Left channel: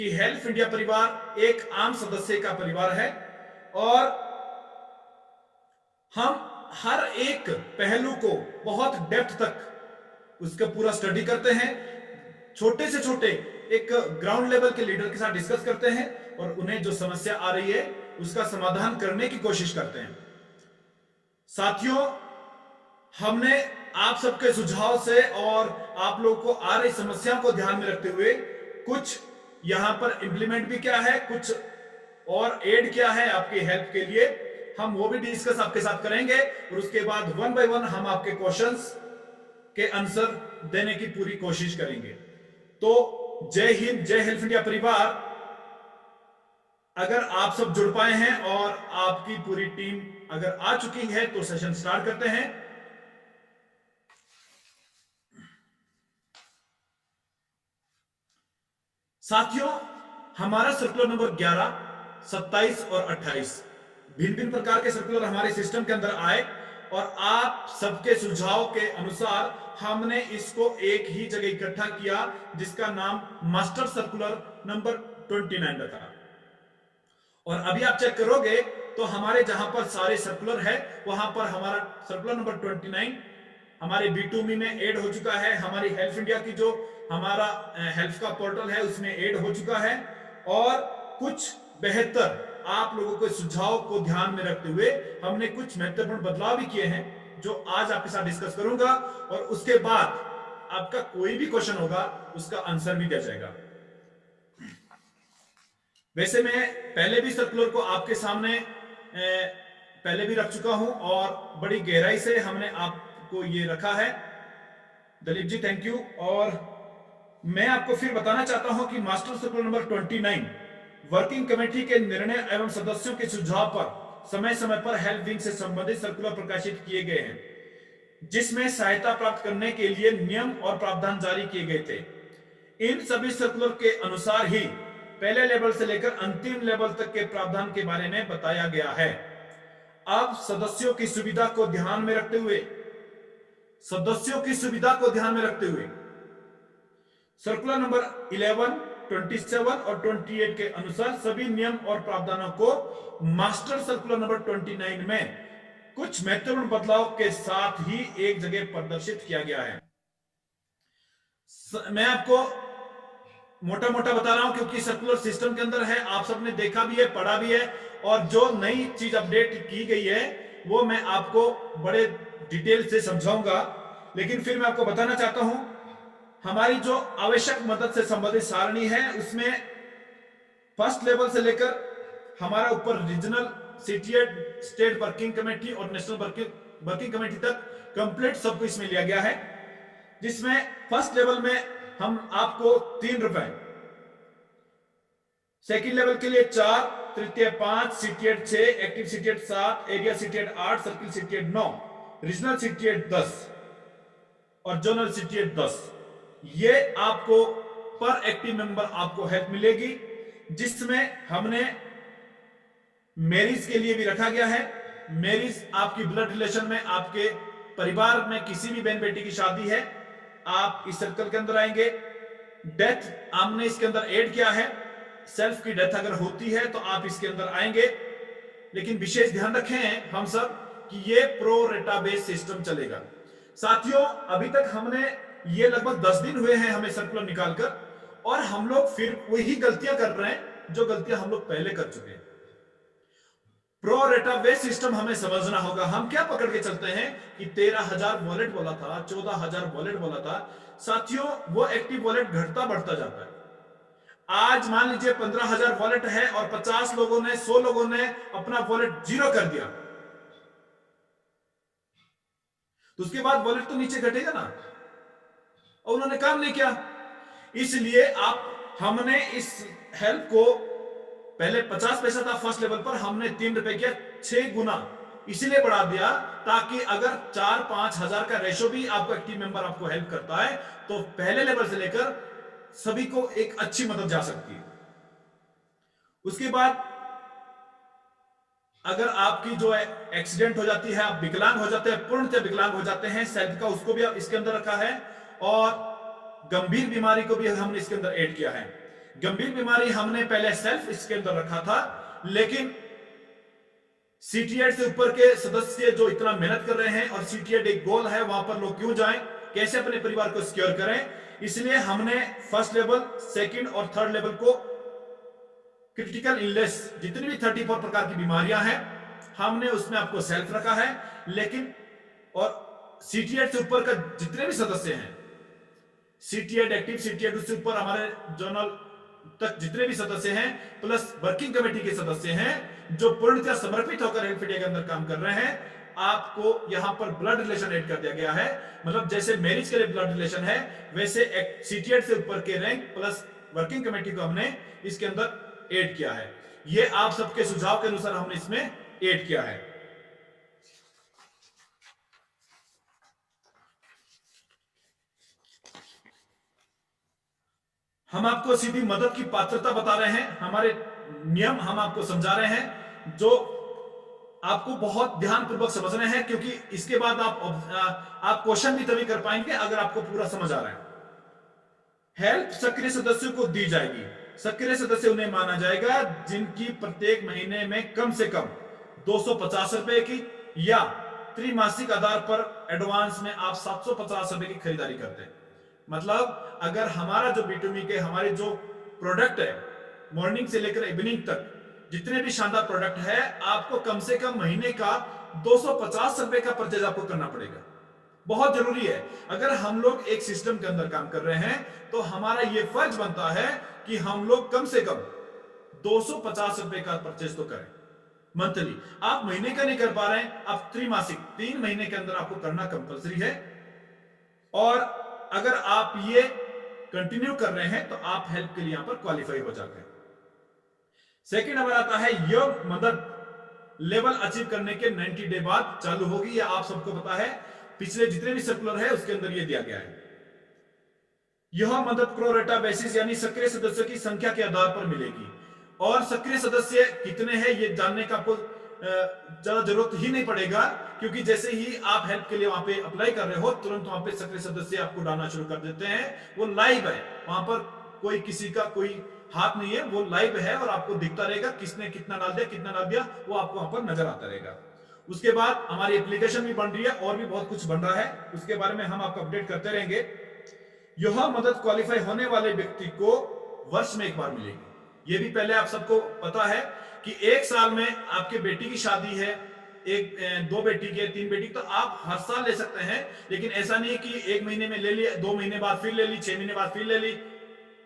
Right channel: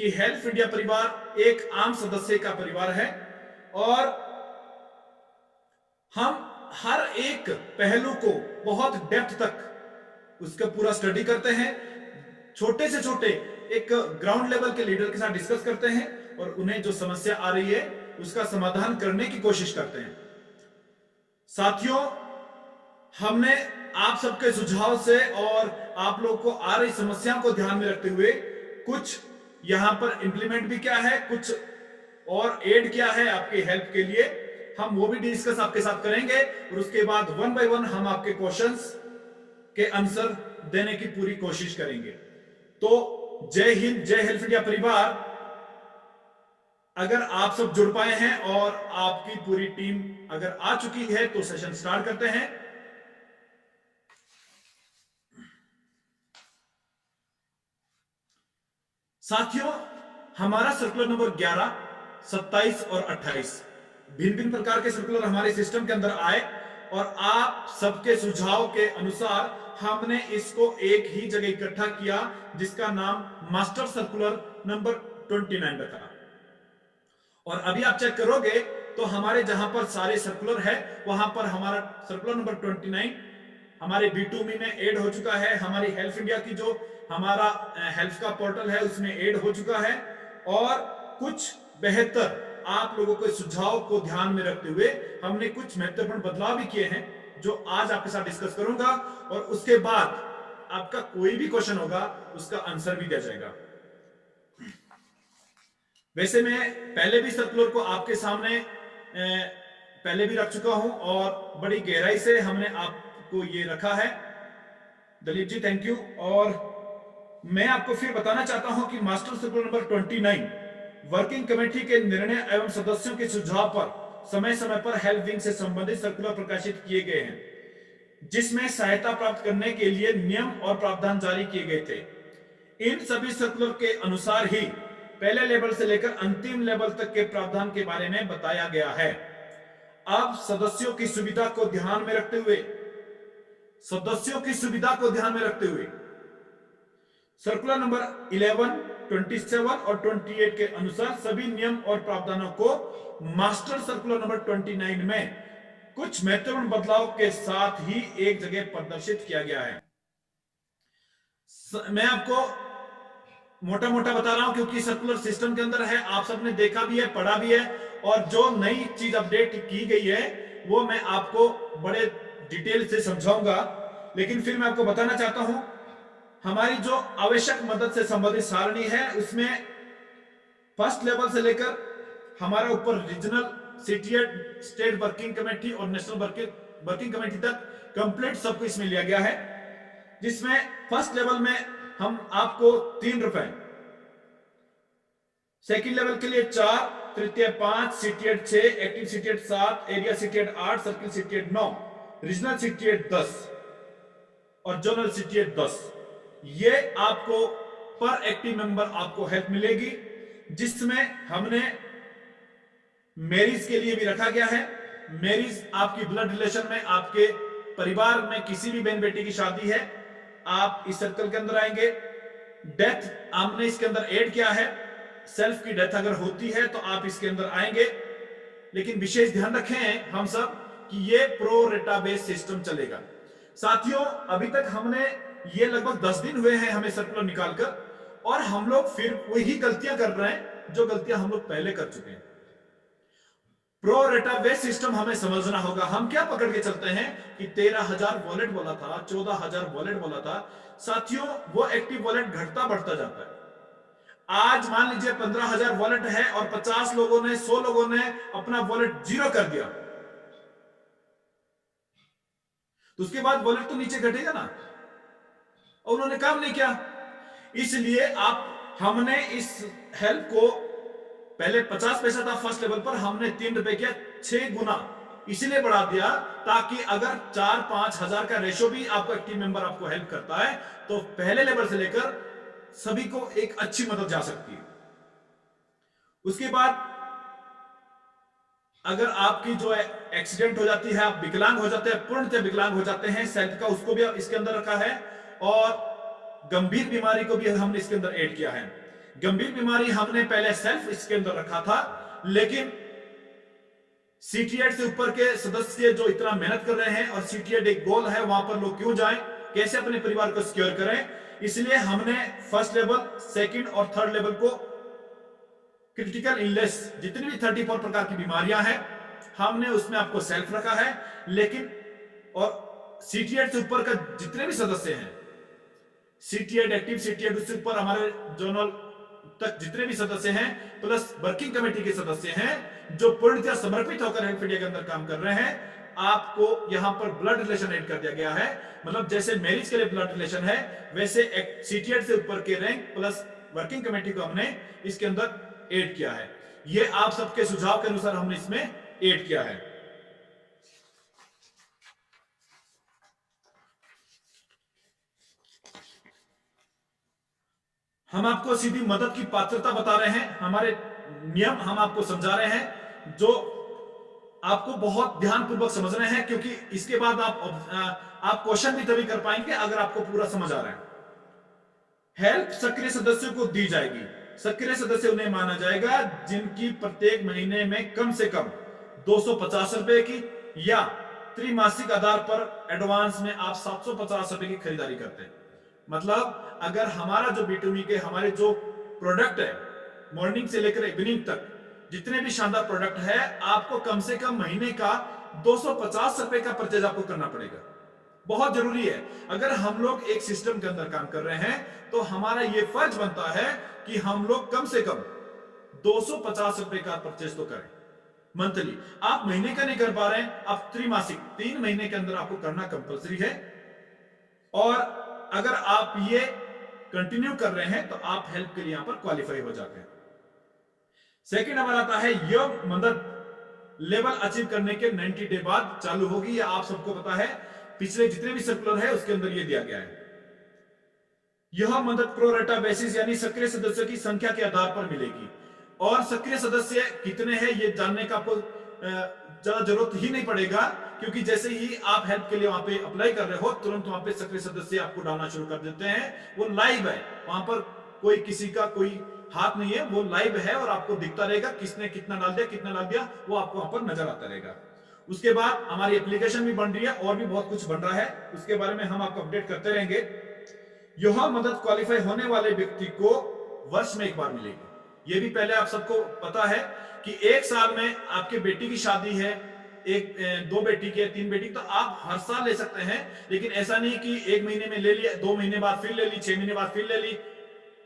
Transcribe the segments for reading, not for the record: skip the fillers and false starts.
कि help India परिवार एक आम सदस्य का परिवार है और हम हर एक पहलू को बहुत डेप्थ तक उसका पूरा स्टडी करते हैं, छोटे से छोटे एक ग्राउंड लेवल के लीडर के साथ डिस्कस करते हैं और उन्हें जो समस्या आ रही है उसका समाधान करने की कोशिश करते हैं। साथियों, हमने आप सबके सुझाव से और आप लोगों को आ रही समस्याओं को ध्यान में रखते हुए कुछ यहां पर इंप्लीमेंट भी किया है, कुछ और ऐड किया है आपकी हेल्प के लिए। हम वो भी डिस्कस आपके साथ करेंगे और उसके बाद वन बाय वन हम आपके क्वेश्चंस के आंसर देने की पूरी कोशिश करेंगे। तो जय हिंद, जय हेल्प इंडिया परिवार। अगर आप सब जुड़ पाए हैं और आपकी पूरी टीम अगर आ चुकी है तो सेशन स्टार्ट करते हैं। साथियों, हमारा सर्कुलर नंबर 11, 27 और 28 भिन्न भिन्न प्रकार के सर्कुलर हमारे सिस्टम के अंदर आए और आप सबके सुझाव के अनुसार हमने इसको एक ही जगह इकट्ठा किया जिसका नाम मास्टर सर्कुलर नंबर 29 रखा। और अभी आप चेक करोगे तो हमारे जहां पर सारे सर्कुलर है वहां पर हमारा सर्कुलर नंबर 29 हमारे B2Me में ऐड हो चुका है। हमारी हेल्प इंडिया की जो हमारा हेल्प का पोर्टल है उसमें ऐड हो चुका है और कुछ बेहतर आप लोगों के सुझाव को ध्यान में रखते हुए हमने कुछ महत्वपूर्ण बदलाव भी किए हैं जो आज आपके साथ डिस्कस करूंगा और उसके बाद आपका कोई भी क्वेश्चन होगा उसका आंसर भी दिया जाएगा। वैसे मैं पहले भी सर्कुलर को आपके सामने पहले भी रख चुका हूं और बड़ी गहराई से हमने आपको ये रखा है। दलीप जी थैंक यू। और मैं आपको फिर बताना चाहता हूं कि master circular number 29 working committee के निर्णय एवं सदस्यों के सुझाव पर समय समय पर हेल्प विंग से संबंधित सर्कुलर प्रकाशित किए गए हैं जिसमें सहायता प्राप्त करने के लिए नियम और प्रावधान जारी किए गए थे। इन सभी सर्कुलर के अनुसार ही पहले लेवल से लेकर अंतिम लेवल तक के प्रावधान के बारे में बताया गया है। अब सदस्यों की सुविधा को ध्यान में रखते हुए सर्कुलर नंबर 11, 27 और 28 के अनुसार सभी नियम और प्रावधानों को मास्टर सर्कुलर नंबर 29 में कुछ महत्वपूर्ण बदलाव के साथ ही एक जगह प्रदर्शित किया गया है। मैं आपको मोटा मोटा बता रहा हूं क्योंकि सर्कुलर सिस्टम के अंदर है, आप सबने देखा भी है, पढ़ा भी है और जो नई चीज अपडेट की गई है वो मैं आपको बड़े डिटेल से समझाऊंगा। लेकिन फिर मैं आपको बताना चाहता हूं हमारी जो आवश्यक मदद से संबंधित सारणी है उसमें फर्स्ट लेवल से लेकर हमारा ऊपर रीजनल, सीटीएड, स्टेट वर्किंग कमेटी और नेशनल वर्किंग कमेटी तक कंप्लीट सबको इसमें लिया गया है। जिसमें फर्स्ट लेवल में हम आपको 3 रुपए, सेकंड लेवल के लिए 4, तृतीय 5, सीटीएड 6, एक्टिव सीटीएड 7, एरिया सीटीएड 8, सर्किल सीटीएड 9, रीजनल सीटीएड 10 और जोनल सीटीएड 10। ये आपको पर एक्टिव मेंबर आपको हेल्प मिलेगी जिसमें हमने मैरिज के लिए भी रखा गया है। मैरिज आपकी ब्लड रिलेशन में, आपके परिवार में किसी भी बहन बेटी की शादी है, आप इस सर्कल के अंदर आएंगे। डेथ हमने इसके अंदर ऐड किया है, सेल्फ की डेथ अगर होती है तो आप इसके अंदर आएंगे। लेकिन विशेष ध्यान रखें हम सब कि ये प्रो रेटा बेस्ड सिस्टम चलेगा। साथियों, अभी तक हमने ये लगभग 10 दिन हुए हैं हमें सर्कुलर निकालकर और हम लोग फिर वही गलतियां कर रहे हैं जो गलतियां हम लोग पहले कर चुके हैं। प्रो रेटा बेस्ड सिस्टम हमें समझना होगा। हम क्या पकड़ के चलते हैं कि 13,000 वॉलेट बोला था, 14,000 वॉलेट बोला था। साथियों, वो एक्टिव वॉलेट घटता बढ़ता जाता है। आज मान लीजिए 15,000 वॉलेट है और 50 लोगों ने, 100 लोगों ने अपना वॉलेट जीरो कर दिया तो उसके बाद वॉलेट तो नीचे घटेगा ना, और उन्होंने काम नहीं किया। इसलिए हमने इस हेल्प को पहले 50 पैसा था फर्स्ट लेवल पर, हमने 3 रुपए किया, 6 गुना इसलिए बढ़ा दिया ताकि अगर 4-5 हजार का रेशो भी आपको एक्टिव मेंबर आपको हेल्प करता है तो पहले लेवल से लेकर सभी को एक अच्छी मदद जा सकती है। उसके बाद अगर आपकी जो है एक्सीडेंट हो जाती है, आप विकलांग हो जाते हैं, पूर्णतः विकलांग हो जाते हैं, सेल्फ का उसको भी इसके अंदर रखा है और गंभीर बीमारी को भी हमने इसके अंदर ऐड किया है। गंभीर बीमारी हमने पहले सेल्फ इसके अंदर रखा था, लेकिन CT8 से ऊपर के सदस्य जो इतना मेहनत कर रहे हैं और CT8 एक गोल है, वहां पर लोग क्यों जाएं, कैसे अपने परिवार को सिक्योर करें, इसलिए हमने फर्स्ट लेवल, सेकंड और थर्ड लेवल को क्रिटिकल इलनेस जितनी भी 34 प्रकार की बीमारियां हैं हमने उसमें आपको सेल्फ रखा है। लेकिन और CT8 से ऊपर का जितने भी सदस्य हैं, CT8 एक्टिव, CT8 उससे ऊपर हमारे जोनल तक जितने भी सदस्य हैं, प्लस वर्किंग कमेटी के सदस्य हैं जो पूर्णतः समर्पित होकर हेल्प इंडिया के अंदर काम कर रहे हैं, आपको यहां पर ब्लड रिलेशन ऐड कर दिया गया है। मतलब जैसे मैरिज के लिए ब्लड रिलेशन है, वैसे CT8 से ऊपर के रैंक प्लस वर्किंग कमेटी को हमने इसके अंदर ऐड किया है। ये आप सबके सुझाव के अनुसार हमने इसमें ऐड किया है। हम आपको सीधी मदद की पात्रता बता रहे हैं, हमारे नियम हम आपको समझा रहे हैं जो आपको बहुत ध्यानपूर्वक समझना है, क्योंकि इसके बाद आप क्वेश्चन भी तभी कर पाएंगे अगर आपको पूरा समझ आ रहा है। हेल्प सक्रिय सदस्यों को दी जाएगी। सक्रिय सदस्य उन्हें माना जाएगा जिनकी प्रत्येक महीने में कम से कम 250 रुपए की या त्रिमासिक आधार पर एडवांस में आप 750 रुपए की खरीदारी करते हैं। मतलब अगर हमारा जो B2B के हमारे जो प्रोडक्ट है, मॉर्निंग से लेकर इवनिंग तक जितने भी शानदार प्रोडक्ट है, आपको कम से कम महीने का 250 रुपए का परचेज आपको करना पड़ेगा। बहुत जरूरी है। अगर हम लोग एक सिस्टम के अंदर काम कर रहे हैं तो हमारा यह फर्ज बनता है कि हम लोग कम से कम 250 रुपए का परचेज तो करें मंथली। आप महीने का नहीं कर पा रहे हैं, आप त्रिमासिक 3 महीने के अंदर आपको करना कंपलसरी है। और अगर आप ये कंटिन्यू कर रहे हैं तो आप हेल्प के लिए यहां पर क्वालिफाई हो जाते हैं। सेकंड नंबर आता है, यह मदद लेवल अचीव करने के 90 डे बाद चालू होगी। यह आप सबको पता है, पिछले जितने भी सर्कुलर है उसके अंदर यह दिया गया है। यह मदद प्रो रेटा बेसिस यानी सक्रिय सदस्यों की संख्या के आधार पर मिलेगी। और सक्रिय सदस्य कितने हैं ये जानने का आपको ज्यादा जरूरत ही नहीं पड़ेगा, क्योंकि जैसे ही आप हेल्प के लिए वहां पे अप्लाई कर रहे हो, तुरंत वहां पे सक्रिय सदस्य आपको डालना शुरू कर देते हैं। वो लाइव है, वहां पर कोई किसी का कोई हाथ नहीं है, वो लाइव है और आपको दिखता रहेगा किसने कितना डाल दिया, कितना डाल दिया, वो आपको वहां पर नजर आता रहेगा। उसके बाद हमारी एप्लीकेशन भी बन रही है और भी बहुत कुछ बन रहा है, उसके बारे में हम आपको अपडेट करते रहेंगे। यह मदद क्वालिफाई होने वाले व्यक्ति को वर्ष में एक बार मिलेगी। यह भी पहले आप सबको पता है कि एक साल में आपके बेटी की शादी है, एक 2 बेटी के 3 बेटी, तो आप हर साल ले सकते हैं। लेकिन ऐसा नहीं है कि 1 महीने में ले लिया, 2 महीने बाद फिर ले ली, 6 महीने बाद फिर ले ली,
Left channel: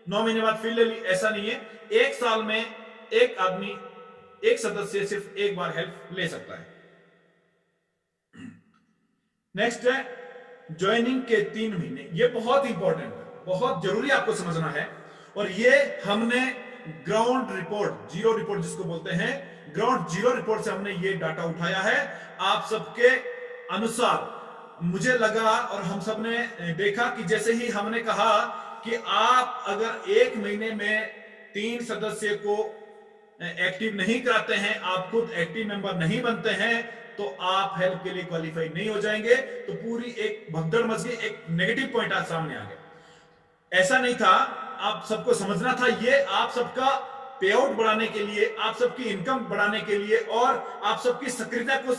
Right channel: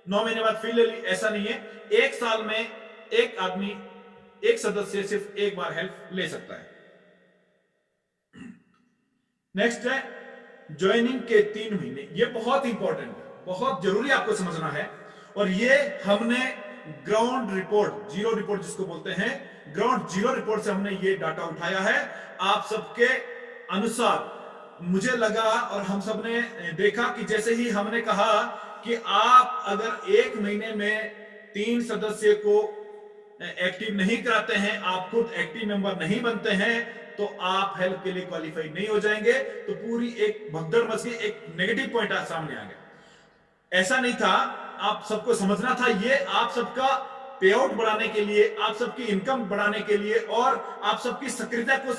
9 महीने बाद फिर ले ली, ऐसा नहीं है। एक साल में एक आदमी, एक सदस्य सिर्फ एक बार हेल्प ले सकता है। नेक्स्ट है ज्वाइनिंग के 3 महीने। ये बहुत इंपॉर्टेंट है, बहुत जरूरी आपको समझना है। और ये हमने ग्राउंड रिपोर्ट, जीरो रिपोर्ट जिसको बोलते हैं, ग्राउंड जीरो रिपोर्ट से हमने ये डाटा उठाया है। आप सबके अनुसार मुझे लगा और हम सब ने देखा कि जैसे ही हमने कहा कि आप अगर 1 महीने में 3 सदस्य को एक्टिव नहीं कराते हैं, आप खुद एक्टिव मेंबर नहीं बनते हैं, तो आप हेल्प के लिए क्वालिफाई नहीं हो जाएंगे। तो पूरी एक भगदड़ मच गई, एक नेगेटिव पॉइंट सामने आ गया। ऐसा नहीं था, आप सबको समझना था, ये आप सबका पे आउट बढ़ाने के लिए, आप सबकी इनकम बढ़ाने के लिए और आप सबकी सक्रियता को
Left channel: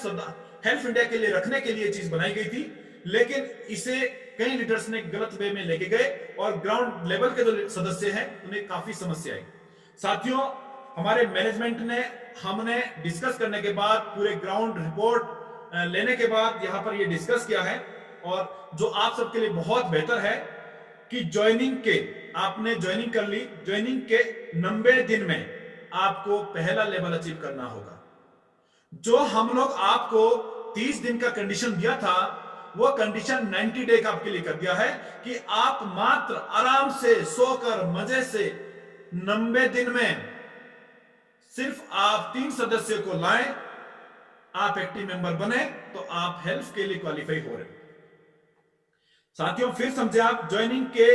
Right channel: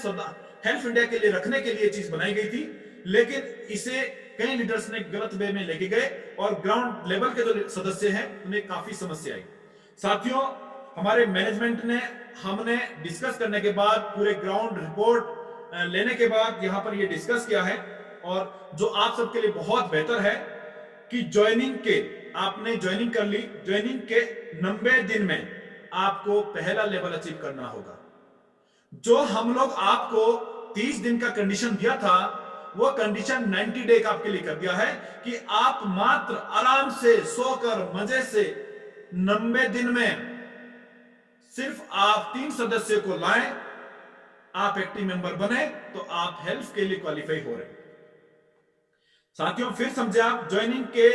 हेल्प इंडिया के लिए रखने के लिए चीज बनाई गई थी। लेकिन इसे कई लीडर्स ने गलत वे में लेके गए और ग्राउंड लेवल के जो सदस्य हैं उन्हें काफी समस्या आई। साथियों, हमारे मैनेजमेंट ने, हमने डिस्कस करने के बाद, पूरे ग्राउंड रिपोर्ट लेने के बाद यहां पर ये डिस्कस किया है, और जो आप सबके लिए बहुत बेहतर है कि ज्वाइनिंग के, आपने ज्वाइनिंग कर ली, ज्वाइनिंग के 90 दिन में आपको पहला लेवल अचीव करना होगा। जो हम लोग आपको 30 दिन का कंडीशन दिया था, वो कंडीशन 90 डे का आपके लिए कर दिया है कि आप मात्र आराम से सोकर मजे से 90 दिन में सिर्फ आप 3 सदस्य को लाएं, आप एक्टिव मेंबर बने, तो आप हेल्प के लिए क्वालिफाई हो रहे हो। साथियों, फिर समझे आप, ज्वाइनिंग के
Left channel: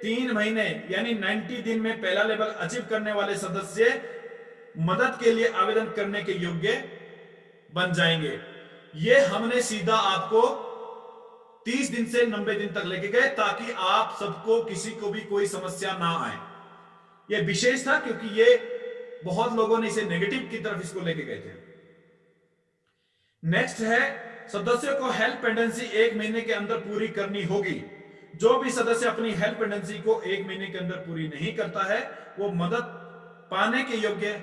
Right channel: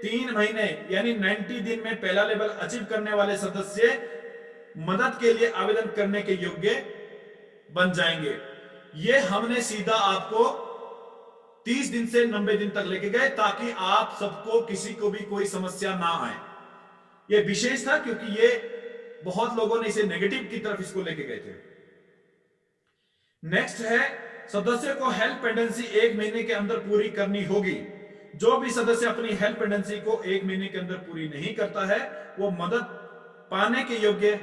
3 महीने यानी 90 दिन में पहला लेवल अचीव करने वाले सदस्य मदद के लिए आवेदन करने के योग्य बन जाएंगे। ये हमने सीधा आपको 30 दिन से 90 दिन तक लेके गए ताकि आप सबको, किसी को भी कोई समस्या ना आए। ये विशेष था क्योंकि ये बहुत लोगों ने इसे नेगेटिव की तरफ इसको लेके गए थे। नेक्स्ट है, सदस्य को हेल्प पेंडेंसी 1 महीने के अंदर पूरी करनी होगी। जो भी सदस्य अपनी हेल्प पेंडेंसी को 1 महीने के अंदर पूरी नहीं करता है, वो मदद पाने के योग्य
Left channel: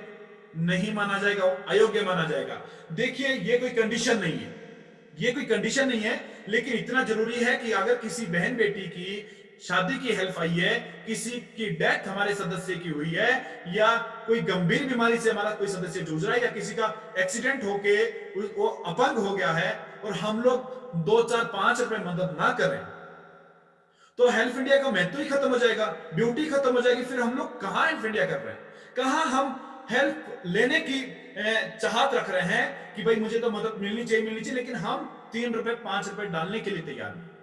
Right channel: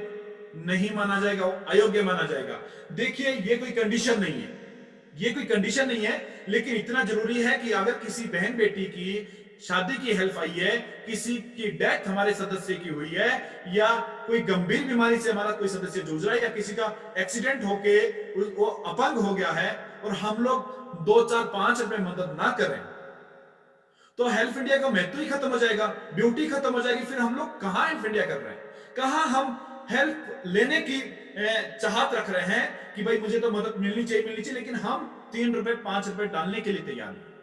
नहीं माना जाएगा, अयोग्य माना जाएगा। देखिए, ये कोई कंडीशन नहीं है, ये कोई कंडीशन नहीं है, लेकिन इतना जरूरी है कि अगर किसी बहन बेटी की शादी की हेल्प आई है, किसी की डेथ हमारे सदस्य की हुई है, या कोई गंभीर बीमारी से हमारा कोई सदस्य जूझ रहा है, या किसी का एक्सीडेंट होके वो अपंग हो गया है और हम लोग 2, 4, 5 रुपए मदद ना करें, तो हेल्प इंडिया का महत्व ही खत्म हो जाएगा, ब्यूटी खत्म हो जाएगी। फिर हम लोग कहां हेल्प इंडिया कर रहे हैं, कहां हम हेल्प लेने की चाहत रख रहे हैं कि भाई मुझे तो मदद मिलनी चाहिए, लेकिन हम 3 रुपए 5 रुपए डालने के लिए तैयार नहीं।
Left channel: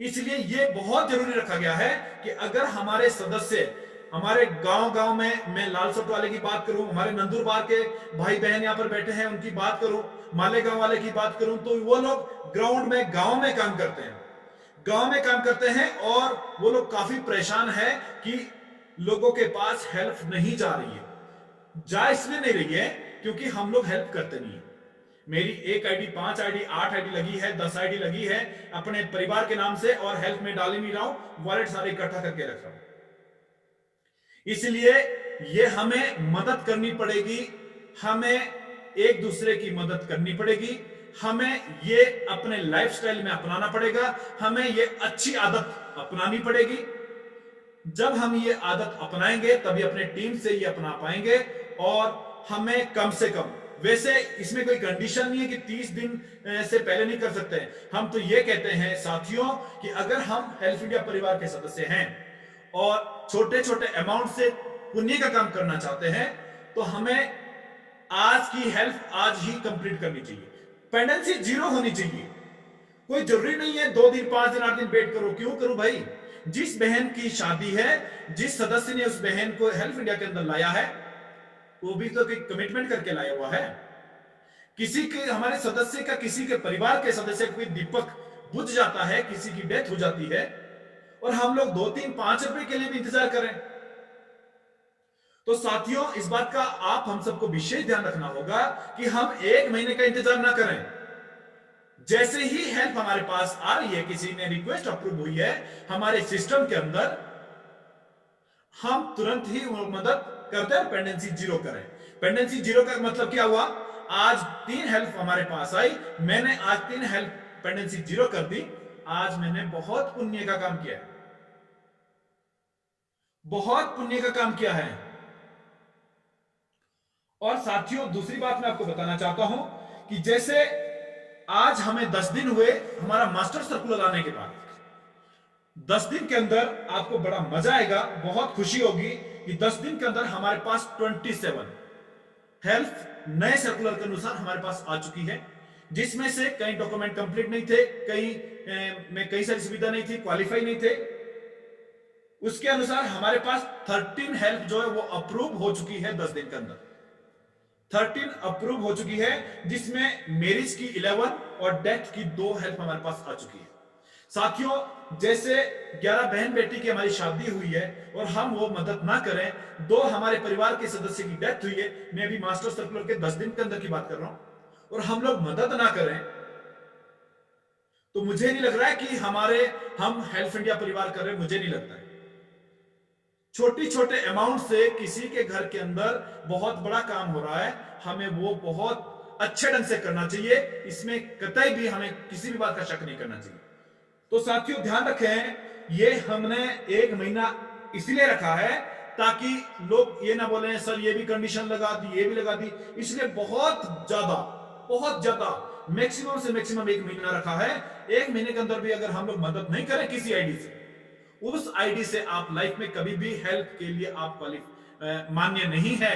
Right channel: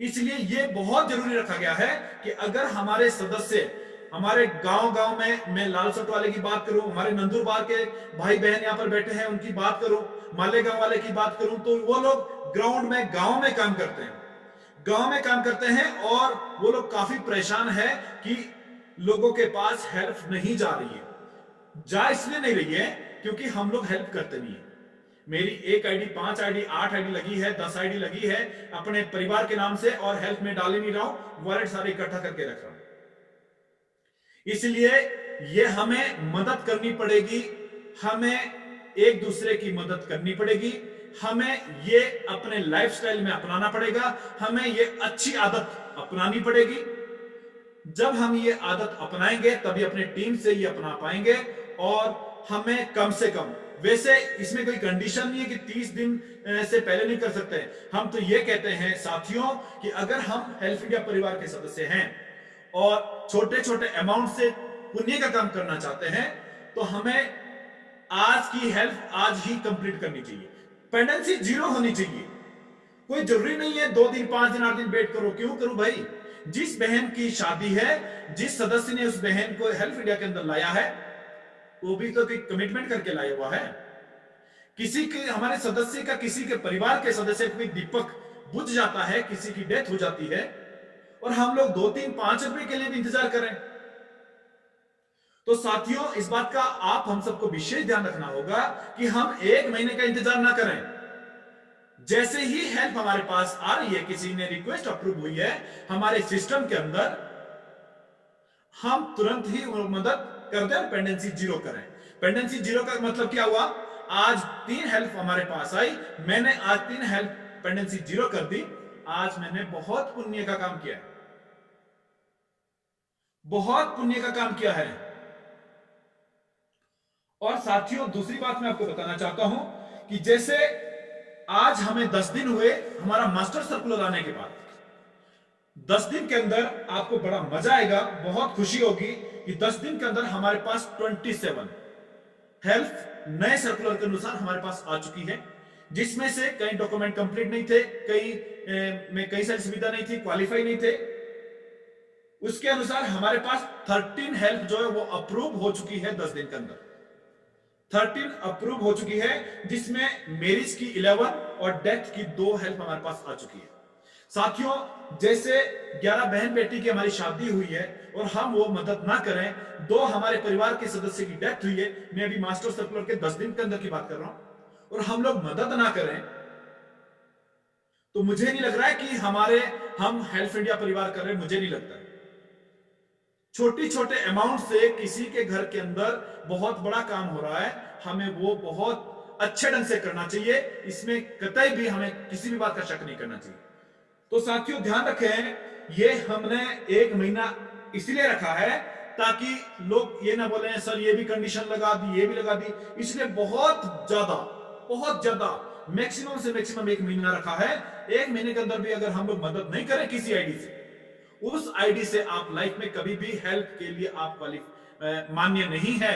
इसलिए यह बहुत जरूरी रखा गया है कि अगर हमारे सदस्य हमारे गांव में, मैं लालसोट वाले की बात करूं, हमारे नंदुरबार के भाई बहन यहां पर बैठे हैं उनकी बात करूं, मालेगांव वाले की बात करूं, तो वो लोग ग्राउंड में गांव में काम करते हैं, गांव में काम करते हैं, और वो लोग काफी परेशान है कि लोगों के पास हेल्प नहीं जा रही है। जा इसलिए नहीं रही है क्योंकि हम लोग हेल्प करते नहीं है। मेरी 1 आईडी, 5 आईडी, 8 आईडी लगी है, 10 आईडी लगी है अपने परिवार के नाम से, और हेल्प में डाल ही नहीं रहा हूं, वॉलेट सारे इकट्ठा करके रख रहा हूं। इसलिए ये हमें मदद करनी पड़ेगी, हमें एक दूसरे की मदद करनी पड़ेगी, हमें ये अपने लाइफस्टाइल में अपनाना पड़ेगा, हमें ये अच्छी आदत अपनानी पड़ेगी। जब हम ये आदत अपनाएंगे तभी अपने टीम से ये अपना पाएंगे, और हमें कम से कम, वैसे इसमें कोई कंडीशन नहीं है कि 30 दिन से पहले नहीं कर सकते। हम तो ये कहते हैं साथियों कि अगर हम हेल्प इंडिया परिवार के सदस्य हैं और छोटे छोटे अमाउंट से पुण्य का काम करना चाहते हैं, तो हमें आज की हेल्प आज ही कंप्लीट करनी चाहिए। पेंडेंसी 0 होनी चाहिए। कोई जरूरी नहीं है 2 दिन, 5 दिन, 8 दिन वेट करो। क्यों करूं भाई? जिस बहन की शादी है, जिस सदस्य ने उस बहन को हेल्प इंडिया के अंदर लाया है, वो भी तो कोई कमिटमेंट करके लाया हुआ है। किसी के, हमारे सदस्य का, किसी के परिवार के सदस्य का कोई दीपक बुझ जाता है, किसी की डेथ हो जाती है, और हम लोग 2, 3, 5 रुपए के लिए भी इंतजार करें। तो साथियों, इस बात का आप हम सबको विशेष ध्यान रखना होगा कि हम 1 महीने का इंतजार ना करें। जैसे ही हेल्प हमारे पास आ रही है, किसी ने रिक्वेस्ट अप्रूव हुई है हमारे सिस्टम के अंदर, हम तुरंत ही मदद कर दें और पेंडेंसी 0 करें। पेंडेंसी 0 का मतलब क्या हुआ? आज 3 हेल्प हमारे पास आई, मैंने आज 3 हेल्प पेंडेंसी 0 कर दी, आज मैंने बहुत पुण्य का काम किया है, बहुत पुण्य का काम किया है। और साथियों, दूसरी बात मैं आपको बताना चाहता हूं कि जैसे आज हमें 10 दिन हुए हमारा मास्टर सर्कुलर आने के बाद, 10 दिन के अंदर आपको बड़ा मजा आएगा, बहुत खुशी होगी कि 10 दिन के अंदर हमारे पास 27 हेल्प नए सर्कुलर के अनुसार हमारे पास आ चुकी है, जिसमें से कई डॉक्यूमेंट कंप्लीट नहीं थे, कई में कई सारी सुविधा नहीं थी, क्वालिफाई नहीं थे। उसके अनुसार हमारे पास 13 हेल्प जो है वो अप्रूव हो चुकी है 10 दिन के अंदर। 13 अप्रूव हो चुकी है, जिसमें मैरिज की 11 और डेथ की 2 हेल्प हमारे पास आ चुकी है। साथियों, जैसे 11 बहन बेटी की हमारी शादी हुई है और हम वो मदद ना करें, 2 हमारे परिवार के सदस्य की डेथ हुई है, मैं अभी मास्टर सर्कुलर के 10 दिन के अंदर की बात कर रहा हूं, और हम लोग मदद ना करें, तो मुझे नहीं लग रहा है कि हम हेल्प इंडिया परिवार कर रहे हैं, मुझे नहीं लगता है। छोटी छोटे अमाउंट से किसी के घर के अंदर बहुत बड़ा काम हो रहा है, हमें वो बहुत अच्छे ढंग से करना चाहिए, इसमें कतई भी हमें किसी भी बात का शक नहीं करना चाहिए। तो साथियों, ध्यान रखें, ये हमने 1 महीना इसलिए रखा है ताकि लोग ये ना बोले सर ये भी कंडीशन लगा दी, ये भी लगा दी, इसलिए बहुत ज्यादा मैक्सिमम से मैक्सिमम 1 महीना रखा है। 1 महीने के अंदर भी अगर हम लोग मदद नहीं करें किसी आईडी से, उस आईडी से आप लाइफ में कभी भी हेल्प के लिए आप मान्य नहीं है,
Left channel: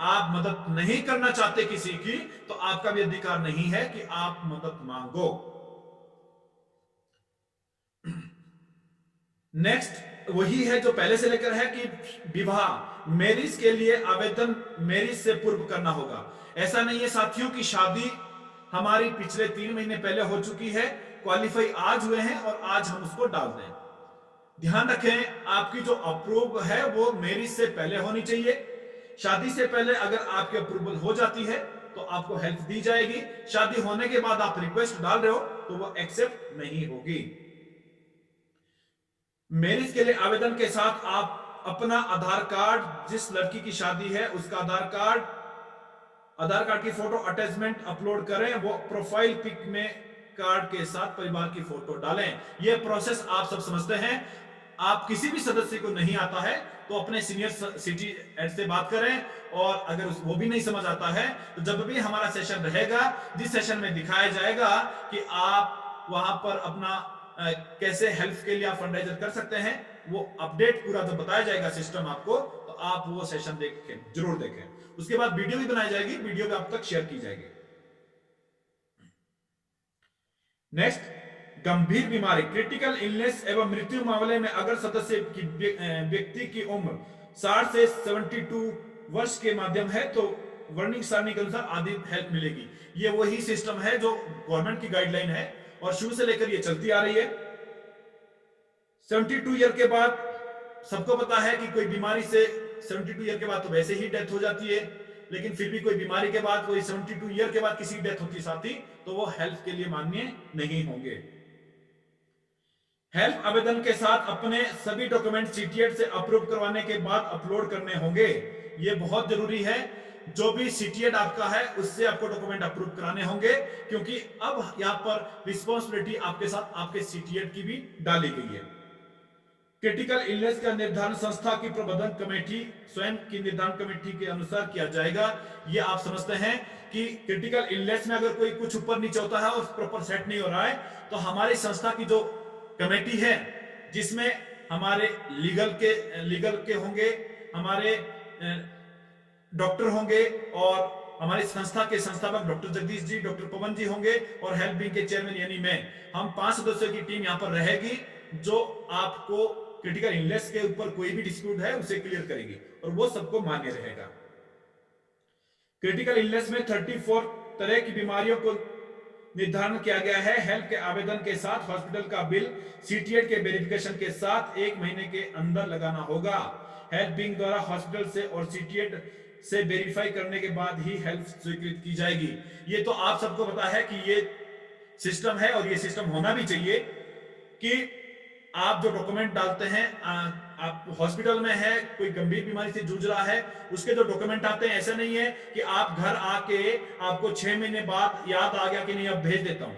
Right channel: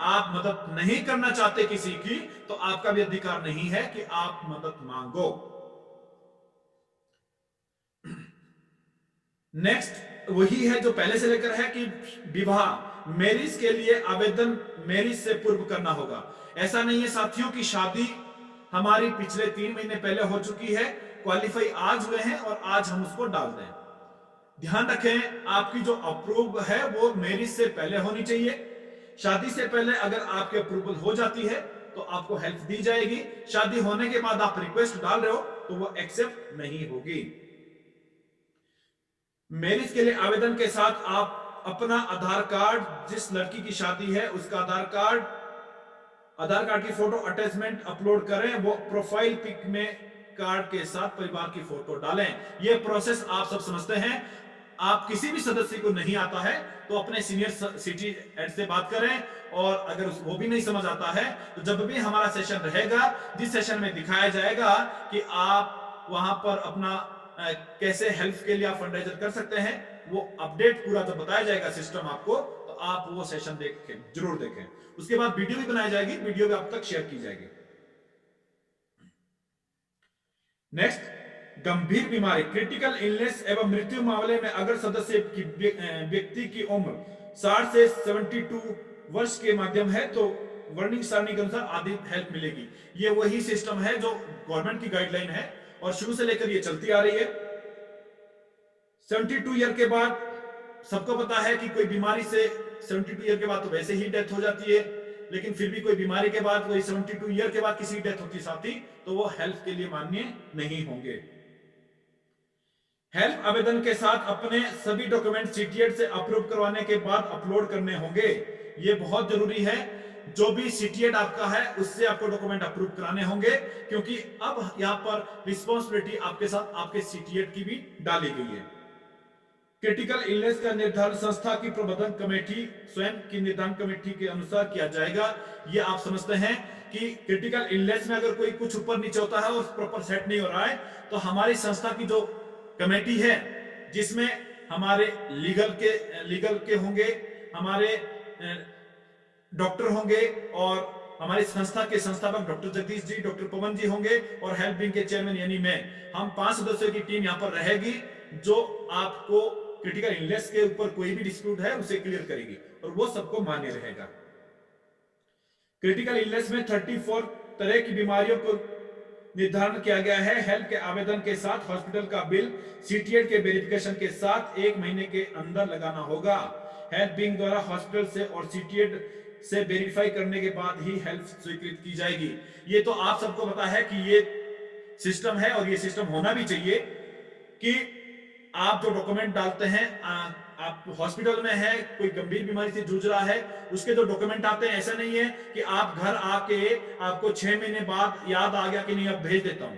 आप मदद नहीं करना चाहते किसी की, तो आपका भी अधिकार नहीं है कि आप मदद मांगो। नेक्स्ट वही है जो पहले से लेकर है कि विवाह, मैरिज के लिए आवेदन मैरिज से पूर्व करना होगा। ऐसा नहीं है साथियों की शादी हमारी पिछले 3 महीने पहले हो चुकी है, क्वालिफाई आज हुए हैं और आज हम उसको डाल दें। ध्यान रखें, आपकी जो अप्रूव है वो मैरिज से पहले होनी चाहिए। शादी से पहले अगर आपकी अप्रूवल हो जाती है तो आपको हेल्प दी जाएगी। शादी होने के बाद आप रिक्वेस्ट डाल रहे हो तो वो एक्सेप्ट नहीं होगी। मैरिज के लिए आवेदन के साथ आप अपना आधार कार्ड, जिस लड़की की शादी है उसका आधार कार्ड की फोटो अटैचमेंट अपलोड करें। वो प्रोफाइल पिक में कार्ड के साथ परिवार की फोटो डालें। यह प्रोसेस आप सब समझते हैं। आप किसी भी सदस्य को नहीं आता है तो अपने सीनियर सिटी एड से बात करें, और अगर वो भी नहीं समझ आता है तो जब भी हमारा सेशन रहेगा, जिस सेशन में दिखाया जाएगा कि आप वहां पर अपना कैसे हेल्प के लिए आप फंडराइजर कर सकते हैं, वो अपडेट पूरा जब बताया जाएगा सिस्टम आपको, तो आप वो सेशन देखें, जरूर देखें। उसके बाद वीडियो भी बनाई जाएगी, वीडियो भी आप तक शेयर की जाएगी। नेक्स्ट, गंभीर बीमारी, क्रिटिकल इलनेस एवं मृत्यु मामले में अगर सदस्य की व्यक्ति की उम्र 60 से 72 वर्ष के माध्यम है तो वर्णिंग सारणी के अनुसार आदि हेल्प मिलेगी। ये वही सिस्टम है जो गवर्नमेंट की गाइडलाइन है और शुरू से लेकर ये चलती आ रही है। 72 ईयर के बाद सबको पता है कि कोई बीमारी से 72 ईयर के बाद तो वैसे ही डेथ हो जाती है, लेकिन फिर भी कोई बीमारी के बाद, कोई 72 ईयर के बाद किसी की डेथ होती साथी, तो वो हेल्प के लिए मान्य नहीं होंगे। हेल्प आवेदन के साथ अपने सभी डॉक्यूमेंट सीटीएड से अप्रूव करवाने के बाद अपलोड करने होंगे। ये बहुत जरूरी है। जो भी सीटीएड आपका है उससे आपको डॉक्यूमेंट अप्रूव कराने होंगे, क्योंकि अब यहां पर रिस्पॉन्सिबिलिटी आपके साथ आपके सीटीएड की भी डाली गई है। क्रिटिकल इलनेस का निर्धारण संस्था की प्रबंधन कमेटी स्वयं की निर्धारण कमेटी के अनुसार किया जाएगा। ये आप समझते हैं कि क्रिटिकल इलनेस में अगर कोई कुछ ऊपर नीचे होता है और प्रॉपर सेट नहीं हो रहा है तो हमारी संस्था की जो कमेटी है, जिसमें हमारे लीगल के होंगे, हमारे डॉक्टर होंगे, और हमारी संस्था के संस्थापक डॉक्टर जगदीश जी, डॉक्टर पवन जी होंगे, और हेल्प विंग के चेयरमैन यानी मैं, हम 5 सदस्यों की टीम यहां पर रहेगी जो आपको क्रिटिकल इलनेस के ऊपर कोई भी डिस्प्यूट है उसे क्लियर करेगी और वो सबको मान्य रहेगा। क्रिटिकल इलनेस में 34 तरह की बीमारियों को निर्धारण किया गया है। हेल्प के आवेदन के साथ हॉस्पिटल का बिल सीटीएड के वेरिफिकेशन के साथ 1 महीने के अंदर लगाना होगा। हेल्प विंग द्वारा हॉस्पिटल से और सीटीएड से वेरीफाई करने के बाद ही हेल्प स्वीकृत की जाएगी। ये तो आप सबको पता है कि ये सिस्टम है और ये सिस्टम होना भी चाहिए कि आप जो डॉक्यूमेंट डालते हैं, आप हॉस्पिटल में है, कोई गंभीर बीमारी से जूझ रहा है, उसके जो डॉक्यूमेंट आते हैं, ऐसा नहीं है कि आप घर आके आपको 6 महीने बाद याद आ गया कि नहीं अब भेज देता हूं।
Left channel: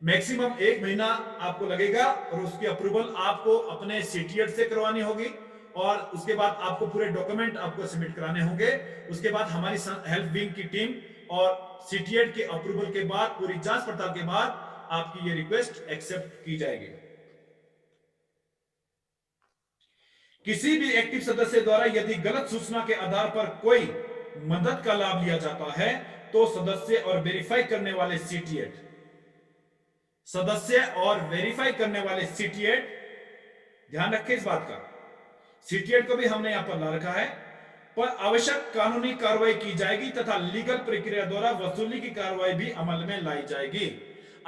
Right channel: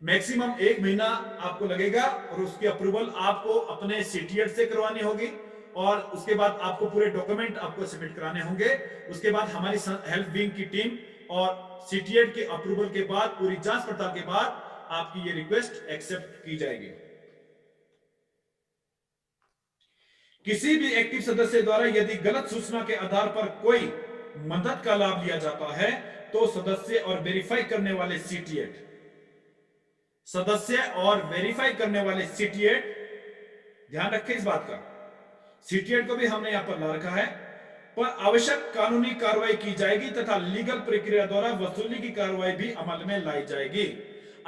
मैक्सिमम 1 महीना आपको लगेगा और उसकी अप्रूवल आपको अपने सीटीएड से करवानी होगी और उसके बाद आपको पूरे डॉक्यूमेंट आपको सबमिट कराने होंगे। उसके बाद हमारी हेल्प विंग की टीम और सीटीएड के अप्रूवल के बाद, पूरी जांच पड़ताल के बाद आपकी ये रिक्वेस्ट एक्सेप्ट की जाएगी। किसी भी एक्टिव सदस्य द्वारा यदि गलत सूचना के आधार पर कोई मदद का लाभ लिया जाता है तो सदस्य और वेरीफाई करने वाले सीटीएड, ध्यान रखें इस बात का, सीटीएड को भी हमने यहां पर ला रखा है, पर आवश्यक कानूनी कार्रवाई की जाएगी तथा लीगल प्रक्रिया द्वारा वसूली की कार्रवाई भी अमल में लाई जाएगी।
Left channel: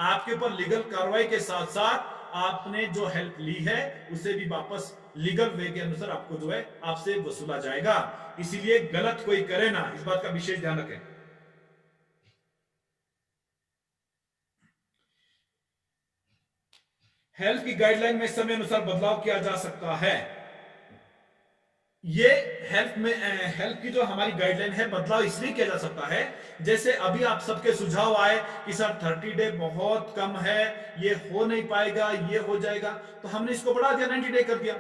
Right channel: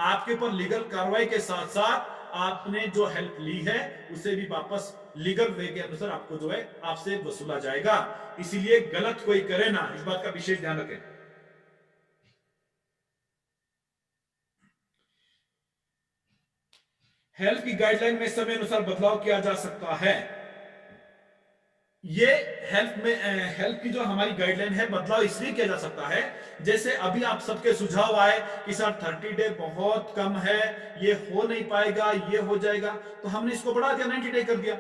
आपके ऊपर लीगल कार्रवाई के साथ साथ आपने जो हेल्प ली है उसे भी वापस लीगल वे के अनुसार आपको जो है आपसे वसूला जाएगा। इसीलिए गलत कोई करे ना, इस बात का विशेष ध्यान रखें। हेल्प की गाइडलाइन में समय अनुसार बदलाव किया जा सकता है। ये हेल्प की जो हमारी गाइडलाइन है, बदलाव इसलिए किया जा सकता है, जैसे अभी आप सबके सुझाव आए कि सर 30 डे बहुत कम है, ये हो नहीं पाएगा, ये हो जाएगा, तो हमने इसको बढ़ा दिया, 90 डे कर दिया।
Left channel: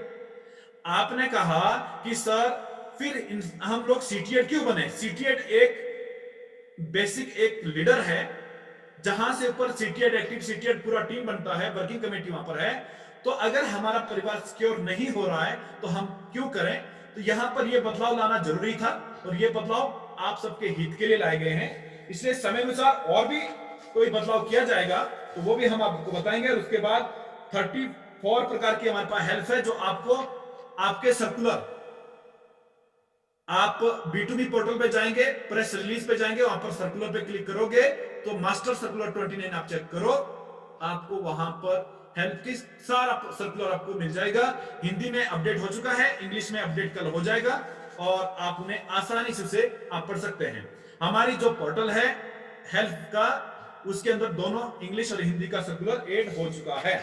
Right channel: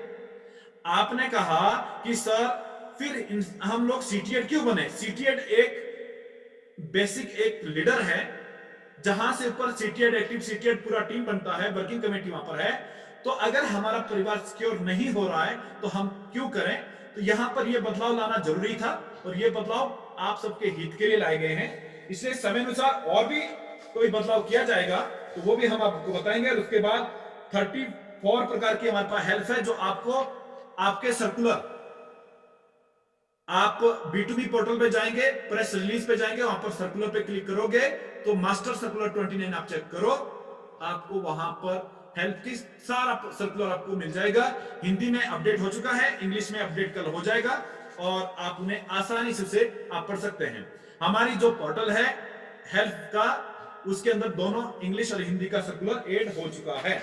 आपने कहा कि सर फिर हम लोग सीटीएड क्यों बने? सीटीएड एक बेसिक एक लीडर है, जहां से ऊपर सीटीएड, एक्टिव सीटीएड पूरा टीम बनता है, वर्किंग कमेटी वहां पर है। तो अगर हमारा परिवार सिक्योर नहीं हो रहा है तो हम क्यों करें? तो यहां पर यह बदलाव लाना जरूरी था और यह बदलाव आप सबके हित के लिए लाए गए हैं। इसलिए समय अनुसार और भी कोई बदलाव किया जाएगा तो वो भी हम आपको बताएंगे। और उसके बाद 34 प्रकार की हमारे पास हेल्प है जो आपको आपके सर्कुलर, आप B2B पोर्टल पे जाएंगे, प्रेस रिलीज पे जाएंगे, वहां पर सर्कुलर पे क्लिक करोगे तो मास्टर सर्कुलर 29 आप चेक करो, आपको वहां पर हेल्थ की सारा सर्कुलर आपको मिल जाएगा। हिंदी में अपडेट हो चुका है, इंग्लिश में अपडेट कल हो जाएगा और आप उन्हें आसानी से उसे आप पढ़ सकते हैं। हमारी जो पोर्टल है हेल्थ का, उसके अंदर दोनों इंग्लिश और हिंदी का सर्कुलर ऐड हो चुका है।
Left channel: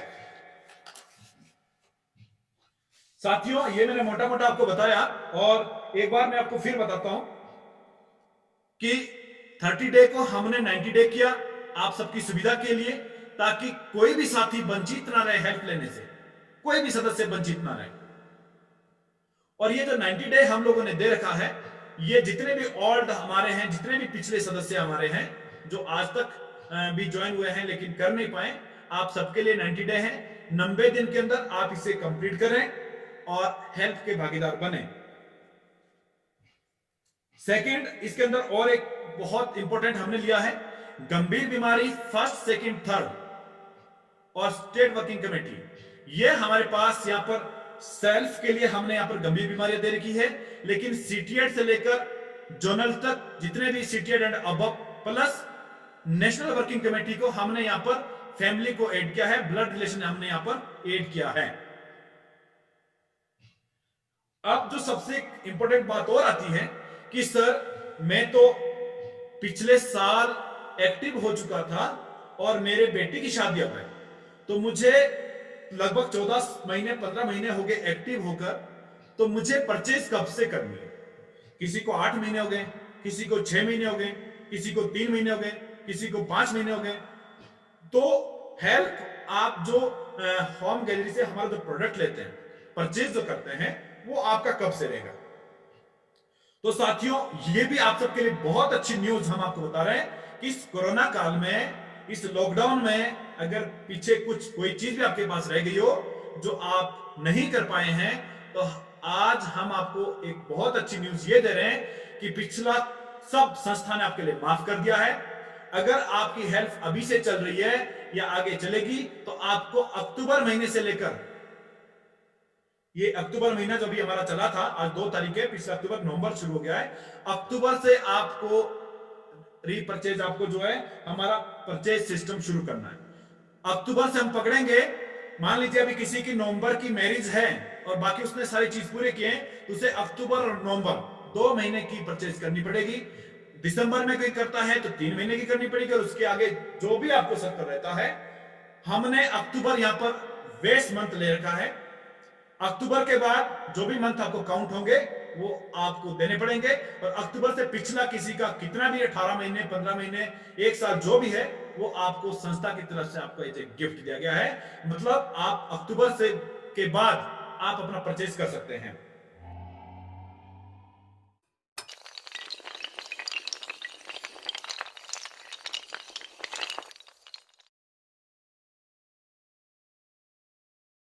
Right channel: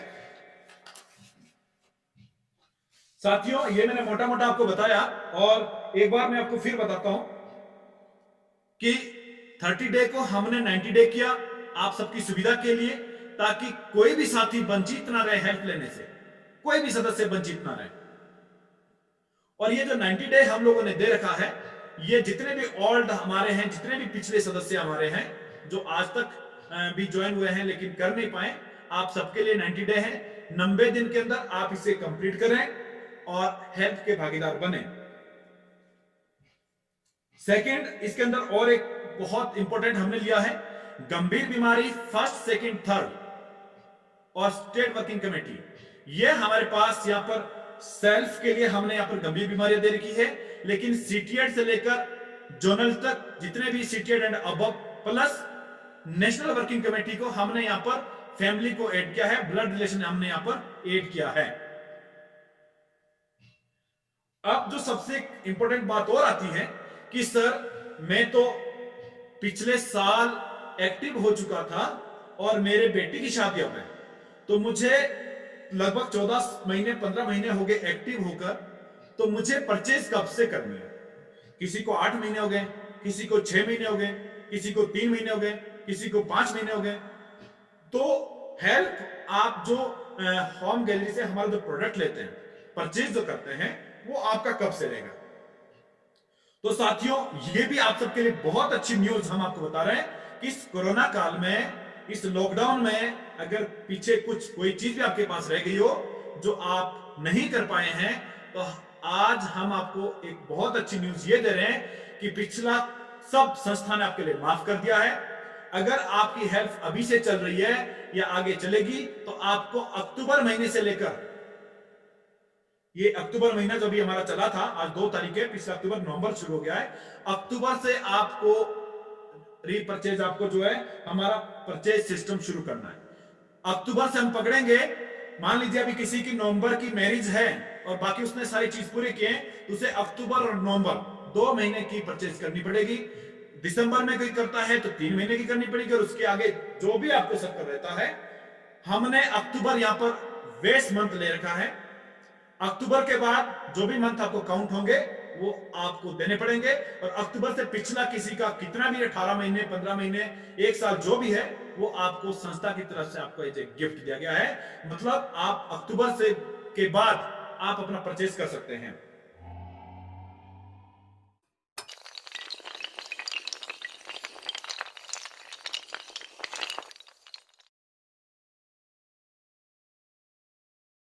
साथियों, ये मैंने मोटा मोटा आपको बताया और एक बार मैं आपको फिर बताता हूं कि 30 डे को हमने 90 डे किया आप सबकी सुविधा के लिए, ताकि कोई भी साथी वंचित ना रहे हेल्प लेने से, कोई भी सदस्य वंचित ना रहे। और ये जो 90 डे हम लोगों ने दे रखा है, ये जितने भी ओल्ड हमारे हैं, जितने भी पिछले सदस्य हमारे हैं जो आज तक भी ज्वाइन हुए हैं लेकिन कर नहीं पाए, आप सबके लिए 90 डे है। 90 दिन के अंदर आप इसे कंप्लीट करें और हेल्प के भागीदार बने। सेकंड, इसके अंदर और एक बहुत इंपॉर्टेंट हमने लिया है, गंभीर बीमारी फर्स्ट, सेकंड, थर्ड और स्टेट वर्किंग कमेटी। ये हमारे पास यहां पर सेल्फ के लिए हमने यहां पर गंभीर बीमारियां दे रखी है, लेकिन सीटीएड से लेकर जोनल तक जितने भी सीटीएड and above plus national working committee को हमने यहां पर फैमिली को ऐड किया है, ब्लड रिलेशन हमने यहां पर ऐड किया है। अब जो सबसे इंपॉर्टेंट बात और आती है कि सर मैं तो पिछले साल एक्टिव हो चुका था और मेरे बेटी की शादी अब है, तो मुझे लगभग 14 महीने 15 महीने हो गए एक्टिव होकर, तो मुझे परचेज कब से करनी है? किसी को 8 महीने हो गए, किसी को 6 महीने हो गए, किसी को 3 महीने हो गए, किसी को 5 महीने हो गए। तो हेल्प आप जो होम गैलरी से हमारा जो प्रोडक्ट लेते हैं, परचेज जो करते हैं, वो आपका कब से रहेगा? तो साथियों, ये भी आप सबके लिए बहुत अच्छी न्यूज हम आपको बता रहे हैं कि इस कोरोना काल में, इस लॉकडाउन में अगर पीछे कोई चीज भी आपके पास रह गई हो जो आप नहीं कर पाए हैं, तो आज हम आपको एक बहुत अच्छी न्यूज ये दे रहे हैं कि पिछला सब संस्था ने आपके लिए माफ कर दिया है। अगर आपकी हेल्थ अभी से चल रही है या आगे चलेगी, तो आपको अक्टूबर महीने से लेकर, ये अक्टूबर महीना जो भी हमारा चला था, आज 2 तारीख है, पिछला अक्टूबर, नवंबर शुरू हो गया है, अक्टूबर से आपको रीपरचेज, आपको जो है हमारा परचेज सिस्टम शुरू करना है। अक्टूबर से हम पकड़ेंगे। मान लीजिए अभी किसी की नवंबर की मैरिज है और बाकी उसने सारी चीज पूरे किए हैं, तो उसे अक्टूबर और नवंबर 2 महीने की परचेज करनी पड़ेगी। दिसंबर में कोई करता है तो 3 महीने की करनी पड़ेगी, और उसके आगे जो भी आपको सर्कल रहता है। हमने अक्टूबर यहां पर वेस्ट मंथ ले रखा है। अक्टूबर के बाद जो भी मंथ आपको काउंट होंगे वो आपको देने पड़ेंगे, और अक्टूबर से पिछला किसी का कितना भी 18 महीने 15 महीने 1 साल जो भी है, वो आपको संस्था की तरफ से आपको एक गिफ्ट दिया गया है। मतलब आप अक्टूबर से के बाद आप अपना परचेज कर सकते हैं।